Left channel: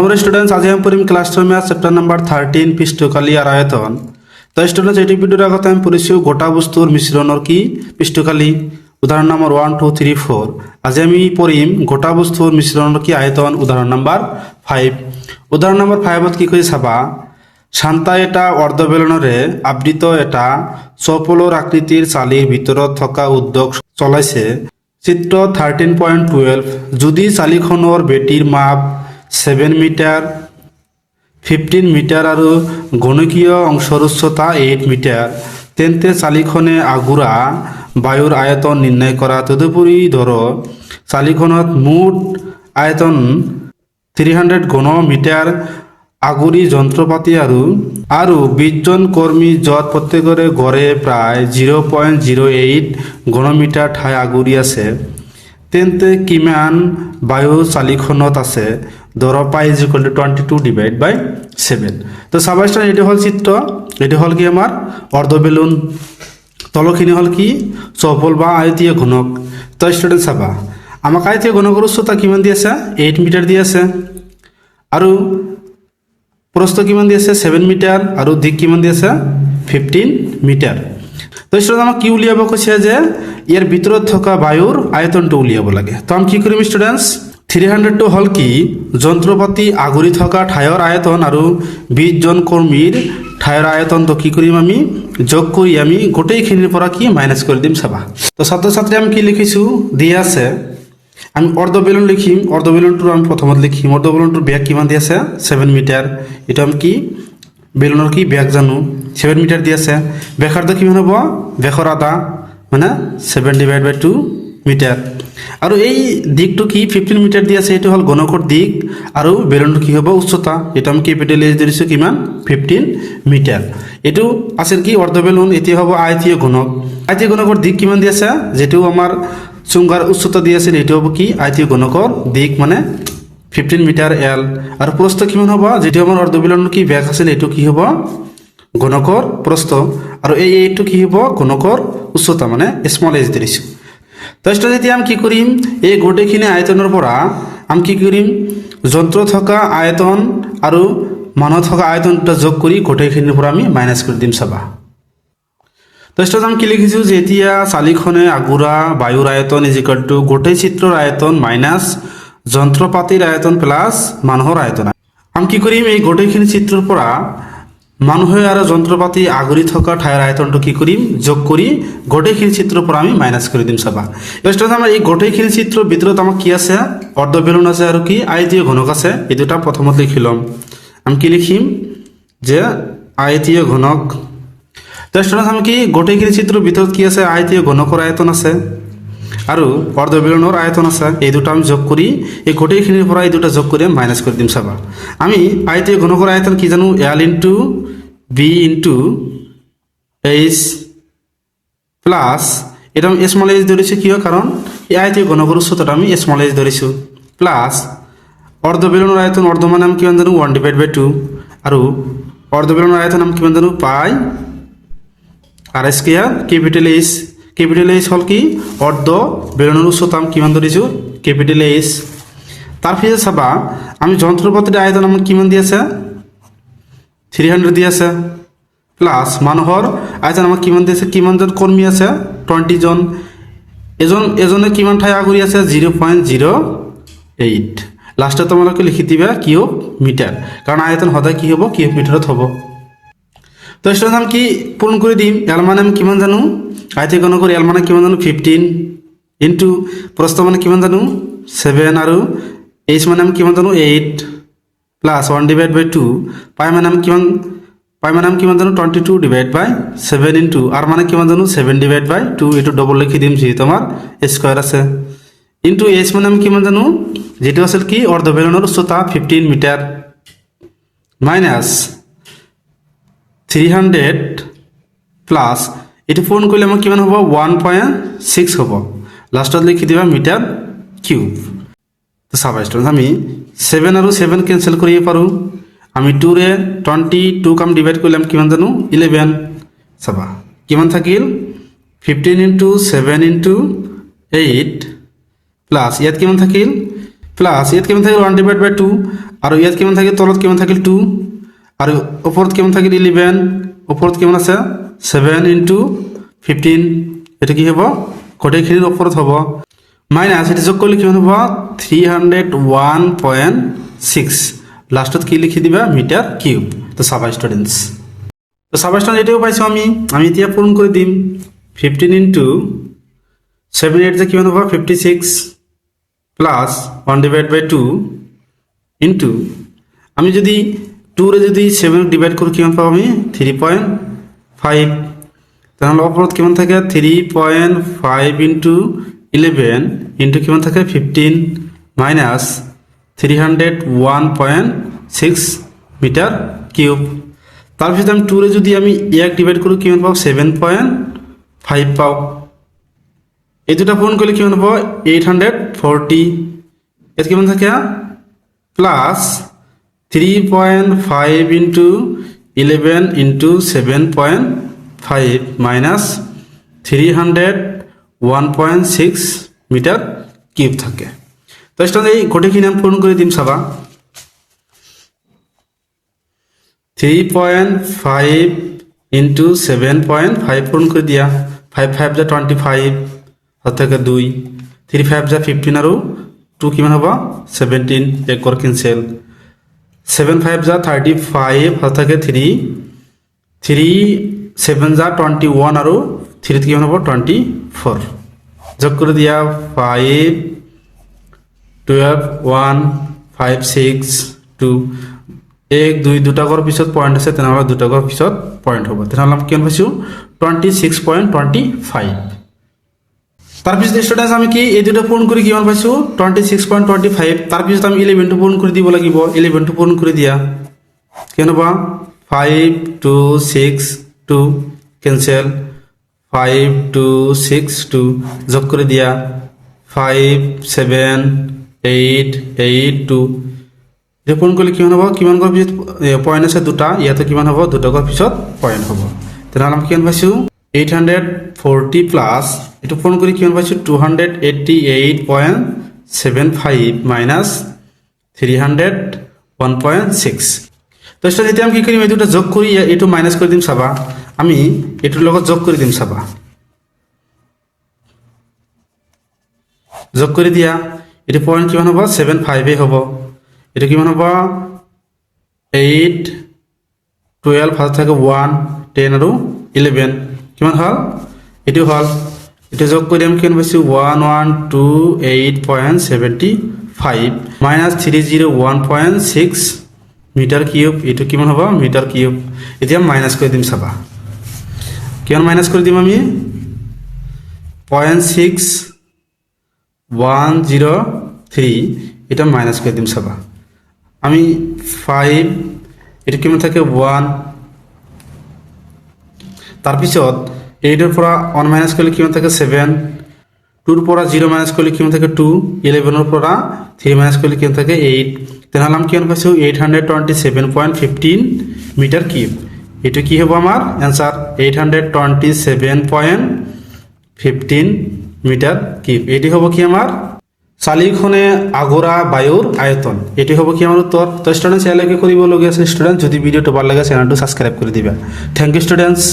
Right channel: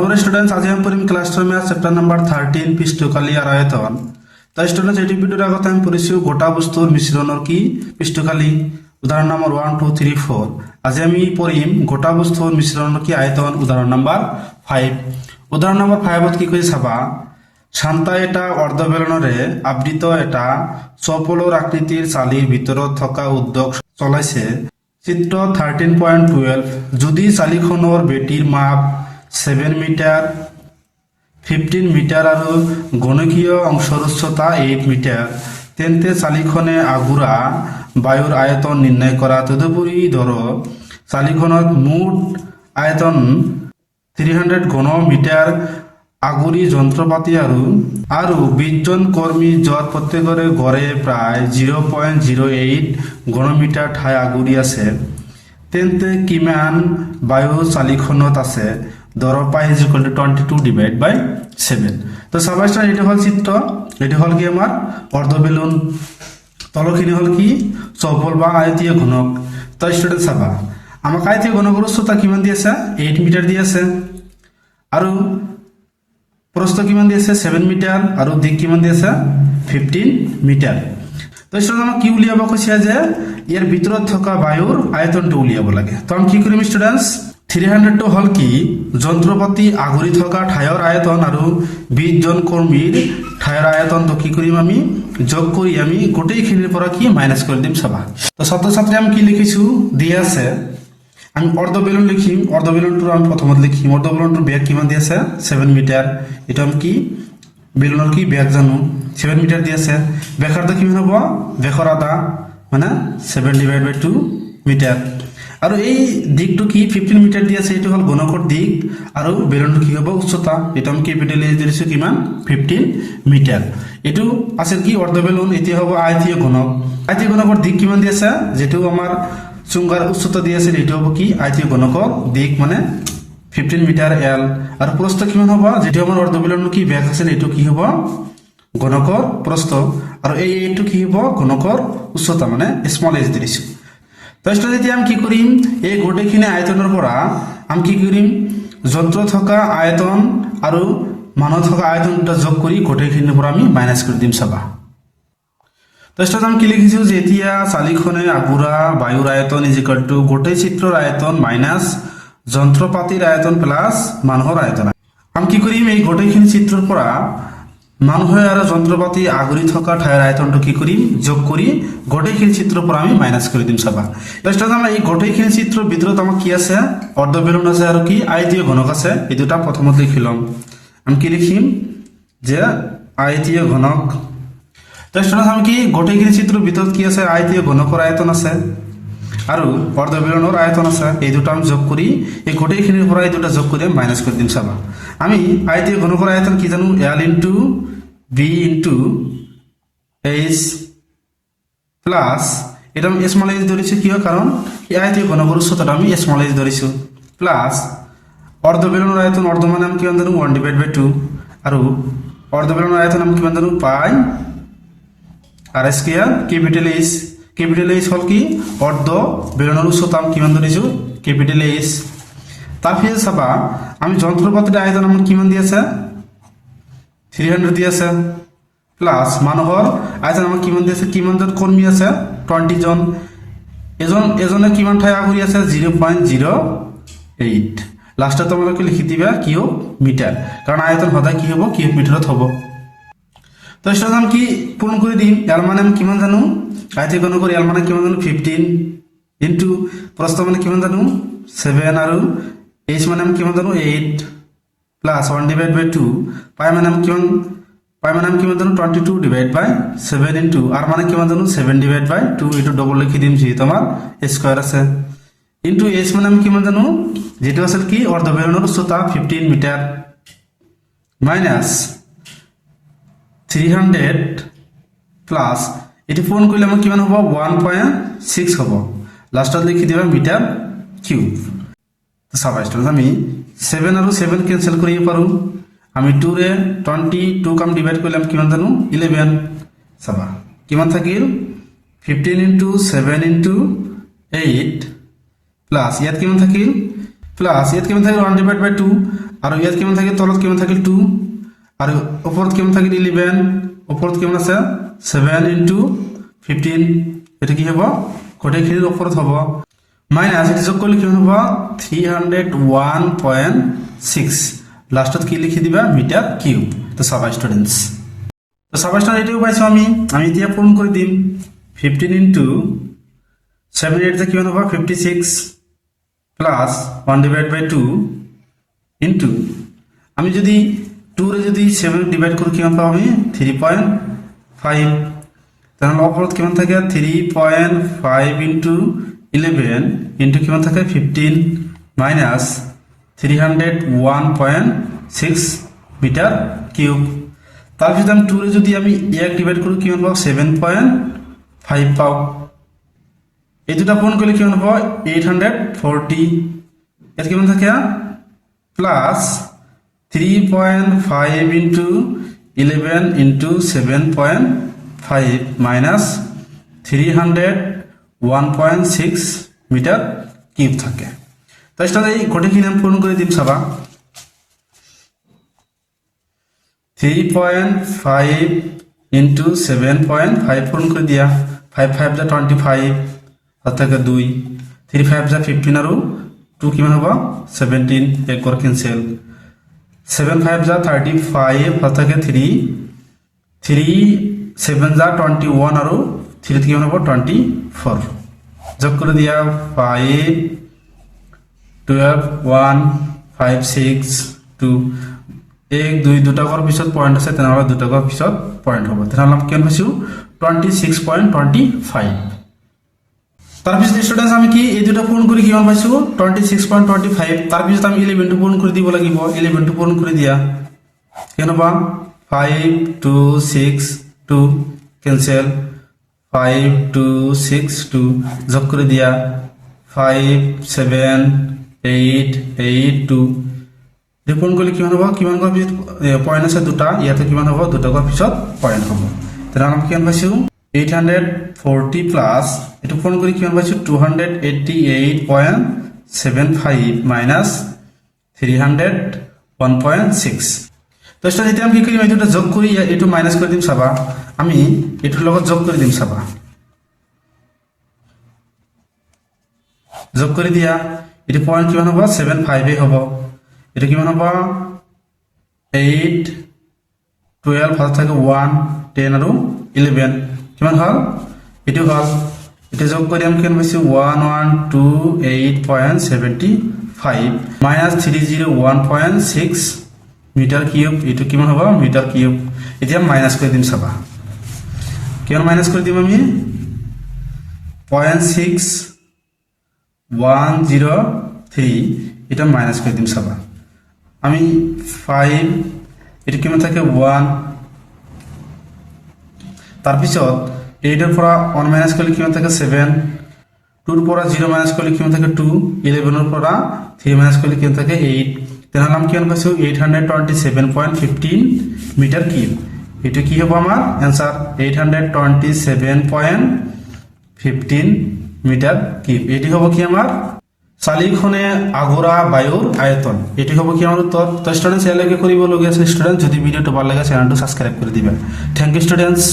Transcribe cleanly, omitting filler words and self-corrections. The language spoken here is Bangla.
নরমাল স্টুডেন্টস আজি আমি পড়িম ক্লাস 2 ম্যাথ চ্যাপ্টার নাম্বার 13 পৃষ্ঠকালি আর আয়তন। তো স্টুডেন্টস এই ভিডিওর আগতে আমি পড়িছো গোটা বস্তুর মিশ্রণর কি পৃষ্ঠকালি। উদাহরণ নাম্বার 1 2 3 4। আজি আমি পড়িম গোটা বস্তুর মিশ্রণর কি আয়তন উদাহরণ নাম্বার 5। উদাহরণ নাম্বার 5 কি কই চাবা শান্তা এটা অর্ধবেলনরে আবৃত এটা চপলর আকৃতির চালির ভিতৰত থকা উদ্যোগ চলাইছে। চিত্র 13.12 যদি চালিখনৰ বেটিৰ মাপ 7 মিটার 15 মিটার আর গণকীয় অংশর উচ্চতা 8 মিটার তেন্তে চালিখনে আগুৰা বায়ুর আয়তন নির্ণয় করা। তদুপরি ধরো চালিখনত মুঠ আয়তন 300 ঘন মিটার আগুরি যন্ত্রপাতি আৰু 20 জন কর্মী যত প্রত্যেকরে গড়ে প্রায় 0.08 ঘনমিটার ঠাই আগুরি আছে তেন্তে কিমান বায়ু চালিখনত আছে। ধরো pi is equal to 22 divide by 7। তো সাবাস্টার এটা হল চিত্র, এটা হল কি আমার অর্ধ বেলুন, তলখিনি হল কি চপল বা আয়তীয় ঘনক। তো স্টুডেন্ট চাবা আমাক আয়তীয় ঘনকের উচ্চতা কিমান দি আছে 8 মিটার দি আছে আৰু প্রস্থ কিমান দি আছে 7 মিটার আৰু দিক কিমান দি আছে 15 মিটার। তো স্টুডেন্ট আমাক কি উলিয়াব কৈছে যে ইয়ার ভিতৰত থকা বায়ুর আয়তনটো উলিয়াব লাগে। তো আমি কি কৰিম স্টুডেন্টস 300 টো হল কি যন্ত্রপাতি আগুৰি থকা ঠাইৰ আয়তন আৰু 20 জন কর্মীর ঠাইৰ আয়তন। তো কি কৰিম আমি যোগ কৰি আমি গোটেইখিনিৰ পৰা কি মাইনাস কৰি দিম চাবা। তো ছাত্ৰ ছাত্ৰী আমি কি লিখিছো দিয়ে আছে আমি অর্ধ বেলুন লিখিম। অর্ধ বেলুনটো আমি প্রথমত লিখিম। অর্ধ বেলুনটোৰ ব্যাস কিমান দি আছে 7 মিটার। এটা আমি কি বেলুনৰ কি ব্যাস জানো 7 মিটার দি আছে। ব্যাসার্ধ কিমান হ'ব ব্যাসৰ আধা মানে 7 ডিভাইড বাই 2 মিটার। আৰু এই দিকটো কি 15 মিটার দি আছে, এটো হল ঘনকৰ দিক আৰু বেলুনটো কি হ'ব উচ্চতা। এটা আমি ক্যাপিটাল এ ধৰিছো কিমান 15 মিটার। এটো আছে কি অর্ধ বেলুন, এটি হ'ব আয়তীয় ঘনক। আয়তীয় ঘনকৰ দিক কিমান দি আছে যেটো আমাৰ চুঙ্গার উচ্চতা দি আছে এটো হ'ব কি আয়তীয় ঘনকৰ দিক মানে 15 মিটার এল। আৰু প্রস্থ কিমান হ'ব যেটো আমাৰ অর্ধ বেলুনৰ কি ব্যাস আছে এটো কি হ'ব ঘনকৰ প্রস্থ আৰু এইটো কি হ'ব ঘনকৰ উচ্চতা মানে স্মল এজ ধৰিছো। তো এতিয়া আমি কি কৰিম এই গোটেইখিনি আয়তনৰ পৰা আমি কি কৰিম যন্ত্র থকা আয়তন আৰু মানুহ থকা আয়তন দুটা যোগ কৰি গোটেইখিনিৰ পৰা আমি মাইনাস কৰি দিম চাবা। তো আমি কি লিখিছো যে এতিয়া চালিখনে আগুৰা বায়ুৰ আয়তন ইজ ইকুয়াল টু গোটেই চিত্ৰৰ আয়তন মাইনাস যন্ত্ৰপাতিৰ আয়তন প্লাস মানুহৰ আয়তন। আমি কি কৰিম এই গোটেইখিনি চিত্ৰৰ পৰা মানুহে আৰু যন্ত্ৰপাতি আগুৰি থকা ঠাইৰ আয়তনটো কি কৰিম যোগ কৰি গোটেইখিনি চিত্ৰৰ পৰা আমি মাইনাস কৰি দিম চাবা। ফাৰ্ষ্টত আমাৰ এই গোটেইখিনি চিত্ৰৰ ভিতৰত আমাৰ কি আছে অৰ্ধ বেলুন আছে আৰু কি আয়তীয় ঘনক আছে। এই দুটা প্ৰথমত লিখি লম। আমি কি লিখিম যে আয়তীয় ঘনক। ফাৰ্ষ্টত আমি কি গোটেইখিনি চিত্ৰৰ ভিতৰত কি আছে আয়তীয় ঘনকৰ আয়তন আছে আৰু অর্ধ বেলুনৰ আয়তন আছে। এই দুটা আমি যোগ কৰি এই গোটেইখিনিৰ পৰা এই দুটা যোগ কৰি মাইনাস কৰি দিম চাবা। আমি আয়তীয় ঘনকৰ আয়তন কি জানো L into B into H plus এটা আমি স্মল এইচ ধৰিছো কিয় কাৰণ এই আয়তীয় ঘনকৰ উচ্চতাটা আমি স্মল এইচ ধৰিছো প্লাস অর্ধ বেলুনৰ আয়তন অর্ধ মানে আমি কিমান জানো 1 ডিভাইড বাই 2 আৰু অর্ধ বেলুনৰ আয়তন আমি কিমান জানো pi r square capital H. Capital H হল কি অর্ধ বেলুনের উচ্চতা আমি কিমান ধরিছো ক্যাপিটাল এইচ। তারপরে চাবা আমি যন্ত্রপাতির আয়তন আমার কিমান দি আছে 300 দি আছে প্লাস মানুহৰ আয়তন আমার কিমান দি আছে কিমান জন কর্মী আছে 20 জন। এজনে কিমান ঠাই আগুৰি আছে 0.08। লাস্টে তোমালোকে লিখি দিবা কিউব মিটার কারণ আয়তন সদায় কি হ'ব কিউব মিটাৰত হ'ব। তো স্টুডেন্ট আমি কি পূরণ করে দিম এল মানে আমি কিমান জানো আয়তীয় ঘনকৰ এল মানে কিমান জানো 15 ইন্টু প্রস্থ মানে কিমান জানো 7 আৰু এইচ মানে আমি কিমান জানো 8 প্লাস 1 ডিভাইড বাই 2 পাই মানে আমি কিমান জানো 22 ডিভাইড বাই 7 ইন্টু আর মানে কিমান জানো 7 ডিভাইড বাই 2 এটো ডবল লিখি দিম যি তোমার স্কয়ার আছে ইন্টু এইচ মানে আমি কিমান জানো যেটো আছিল কি অর্ধ বেলুনৰ উচ্চতা 15 মিটার মাইনাস 300 প্লাস এটি পূরণ করলে আমার কিমান হ'ব 1.6 হ'ব। লাস্টত লিখি দিবা মিটার কিউব। তো চাবা স্টুডেন্ট আমি 7 আৰু 7 ক্যান্সেল কৰিব পাৰো। আমি 2 ৰে 22 কাম ডিভাইড করলাম কিমান জানো 11। চাবা কিমান থাকিল 15 ইন্টু 7 ইন্টু 8 প্লাস ইয়াত কিমান থাকিল প্লাস ইয়াত কিমান থাকিল 1 ডিভাইড বাই 2 আৰু ইয়াত কিমান থাকে তলত কিমান থাকিল 2 আৰু ওপৰত কিমান থাকিল 11 ওপৰত কিমান আছে 7 * 15 এটা কি হ'ব গোটেইখিনিৰ ওপৰত হ'ব মাইনাস এটা যোগ কৰিলে কিমান হ'ব 301.6 লাষ্টত কি লিখি দিবা মিটাৰ কিউব তো চাবা স্টুডেন্টস তো চাবা স্টুডেন্ট এটাও পাইছো আমি এতিয়া পূৰণ কৰি দিম 15 * 7 8 যে কিমান হ'ব 56 প্লাস 1/2 ইনটু আমি যদি 2 রে যদি 7 ডিভাইড করি কিমান পাবো আমি 3.5 তাহলে ওপৰত কিমান থাকে 3.5 ইনটু 11 ইনটু কিমান থাকে 15 মাইনাস 301.6 মিটার কিউব তারপর আমি 2 রে যদি আমি 1 ডিভাইড করি কিমান পাবো 7.5 পাও এই দুটা পূরণ করলে কিমান হবে 840 এর কিমান থাকে plus 3.5 into 11 into 7.5 minus 301.6 metre cube থাকে তো এটা এই গোটেইখিনি আমি পূরণ করে দিম চাবা 3.5 ইনটু 7.5 পূরণ করে দিয়া 5 5 যা 25 অর্থাৎ 2 3 5 যা 15 আৰু 2 কিমান হ'ব 17 এক কৰ ক্যান্সেল 7 5 যা 35 অর্থাৎ 3 7 যা 21 আৰু 3 কিমান হ'ব 24 যোগ কৰি দিয়া 5 12 1 5 6 2 1 2 দুটা কৰ পিছত পয়েন্ট আছে তেনেহলে দুটা কৰ পিছত পয়েন্ট হ'ব তেনেহলে আমি কিমান পাইছো 26.25 তারপিছত স্টুডেন্টস আমি কি এই দুটো পূরণ করে কিমান পাইছো 26.25 তারপিছত আমি 11 টো পূরণ করে দিব লাগিব 11 টো পূরণ করে দিয়া কেন বা 5 2 6 2 ক্যান্সেল 5 2 6 2 যোগ করে দিয়া 5 7 8 8 2 পূরণ করলে কিমান হ'ব কিমান কৰ পিছত পয়েন্ট আছে দুটা ইয়াতে কিমান হ'ব দুটা কৰ পিছত পয়েন্ট হ'ব তেনেহলে আমি কিমান পাইছো 840 প্লাস এটা পূরণ করি কিমান পাইছো 288.75 মাইনাস 301.6 তো এটা যদি আমি কি করি এই দুটো যোগ করি এটো মাইনাস করে দিম চাবা আমি এটোৰ লগত যোগ কৰি দিম চাবা যোগ কৰি দিয়া এটা পয়েন্ট কিমান হ'ব 75 এ হ'ব এটা কিমান হ'ব 8 12 ফার্স্ট থাকে 1 10 আৰু 11 কিমান হল এটো হল এটা যোগ কৰি আমি কিমান পাইছো 1128.75 মাইনাস 301.6 মিটার কিউব এটো কিমান হ'ব মিটার কিউব এতিয়া মাইনাস কৰি দিম চাবা কিমান মাইনাস কৰি দিম আমি 0.6103 এটা মাইনাস কৰি দিম চাবা আমি 5 এটা কিমান থাকে 1 তারপিছত 8 এর পৰা 1 মাইনাস করলে কিমান থাকে 7 2 এর পৰা 0 মাইনাস করলে কিমান থাকে 2 11 এর পৰা 3 মাইনাস করলে কিমান থাকে 8 তেনেহলে আমি কিমান পাইছো 827.15 মিটার কিউব এটা কি হ'ব আমাৰ आंसर 827.15 মিটার কিউব এটি হ'ব কি আমাৰ চালিখনে আগৰা বায়ুৰ আয়তন এটি হ'ব কি আমাৰ উত্তৰ তো স্টুডেন্টস এলাকে কৰিব লগিয়া আছে স্টুডেন্ট যদি ভিডিওটো ভাল লাগে চ্যানেলটো সাবস্ক্রাইব কৰি দিবা থ্যাংক ইউ স্টুডেন্টস